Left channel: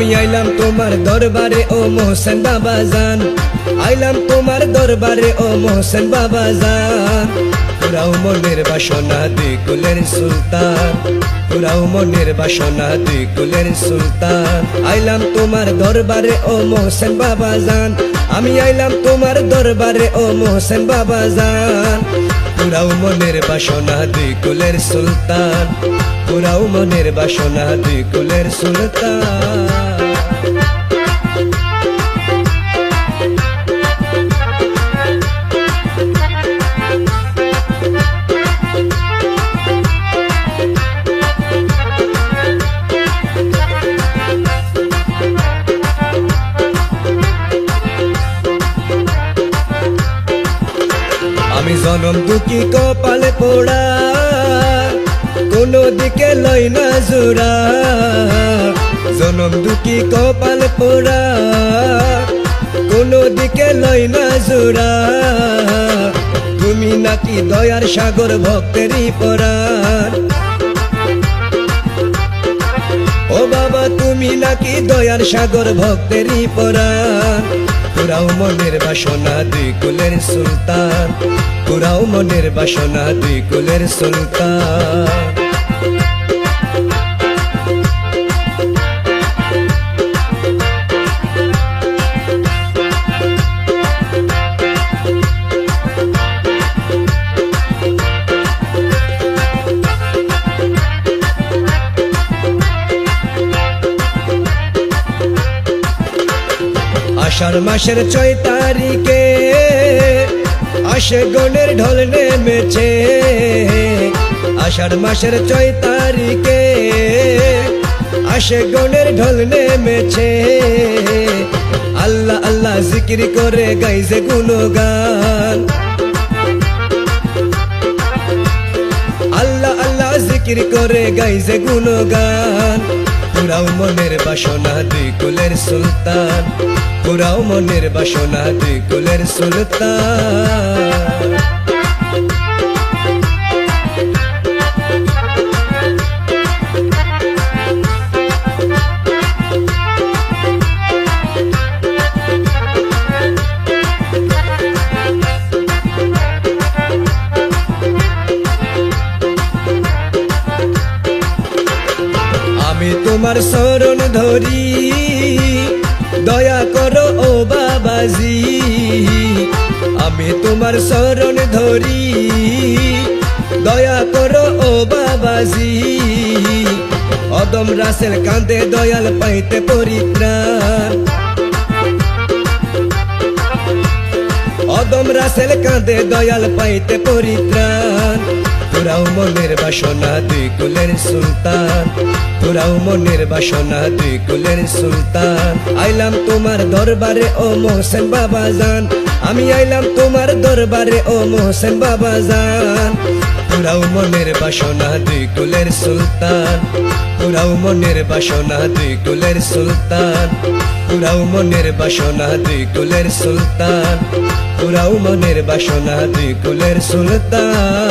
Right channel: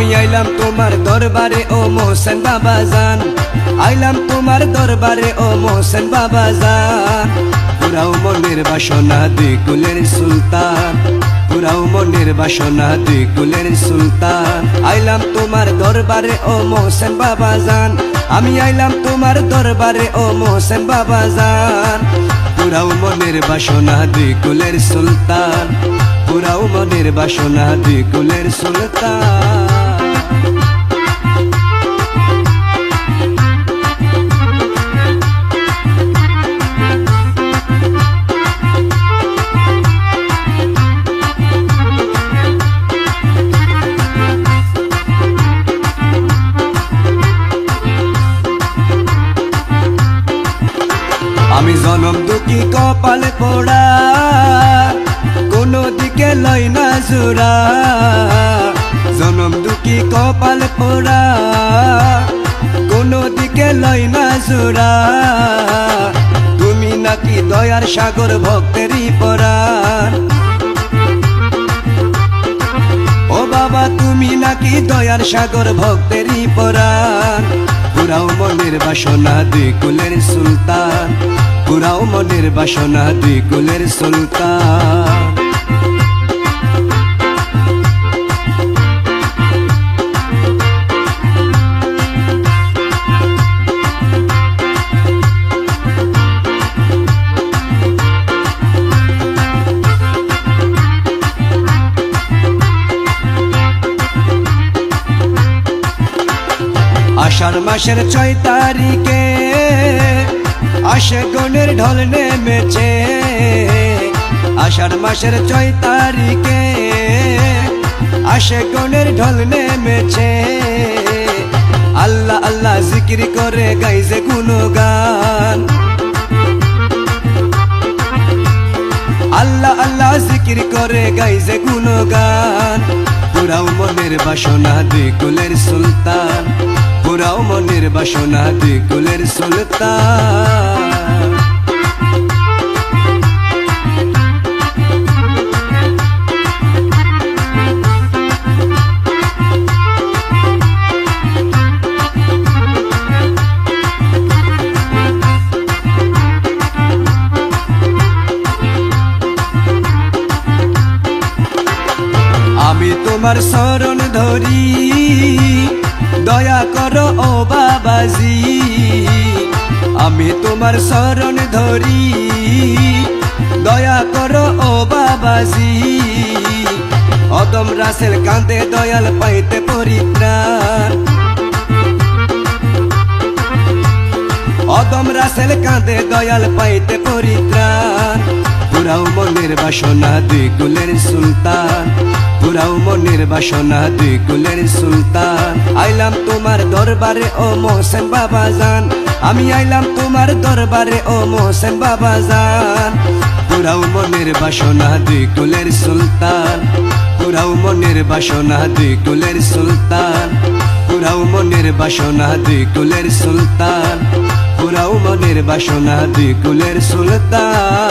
আমি আইলাম তোমার দরবারে ও মোহসেন বাবাজান, আইলাম তোমার দরবারে ও মোহসেন বাবাজান। পুরাও মনের বাসনা দুই কুলের সুলতান, পুরাও মনের বাসনা দুই কুলের সুলতান। আইলাম তোমার দরবারে ও মোহসেন বাবাজান, আমি আইলাম তোমার দরবারে ও মোহসেন বাবাজান। পুরাও মনের বাসনা দুই কুলের সুলতান, পুরাও মনের বাসনা দুই কুলের সুলতান। আমি জনম দুঃখী কপালে পোড়া, কোনো দিকে লই না জোড়া। জনম দুঃখী কপালে পোড়া, কোনো দিকে লই না জোড়া। তুমি নাকি দয়ার সাগর ভক্তেরই পরাণ, ও বাবা তুমি নাকি দয়ার সাগর ভক্তেরই পরাণ। পুরাও মনের বাসনা দুই কুলের সুলতান, পুরাও মনের বাসনা দুই কুলের সুলতান। আষাঢ় মাসের 6 তারিখে আসে গনের ঢল নেমেছে। আষাঢ় মাসের 6 তারিখে আসে গনের ঢল নেমেছে। আল্লাহ আল্লাহ জিকির করে গাইছে গুণগান, আল্লাহ আল্লাহ জিকির করে গাইছে গুণগান। পুরাও মনের বাসনা দুই কুলের সুলতান, পুরাও মনের বাসনা দুই কুলের সুলতান। আমি তোমার শরণ ধরি, দয়া করো ও বাবাজি। আমি তোমার শরণ ধরি, দয়া করো ও বাবাজি। অদম রাসেল কাঁদে দয়াল পাইতে পরিত্রাণ, অদম রাসেল কাঁদে দয়াল পাইতে পরিত্রাণ। পুরাও মনের বাসনা দুই কুলের সুলতান, পুরাও মনের বাসনা দুই কুলের সুলতান। আইলাম তোমার দরবারে ও মোহসেন বাবাজান, আমি আইলাম তোমার দরবারে ও মোহসেন বাবাজান। পুরাও মনের বাসনা দুই কুলের সুলতান, পুরাও মনের বাসনা দুই কুলের সুলতান। পুরাও মনের বাসনা দুই কুলের সুলতান, পুরাও মনের বাসনা দুই কুলের সুলতান।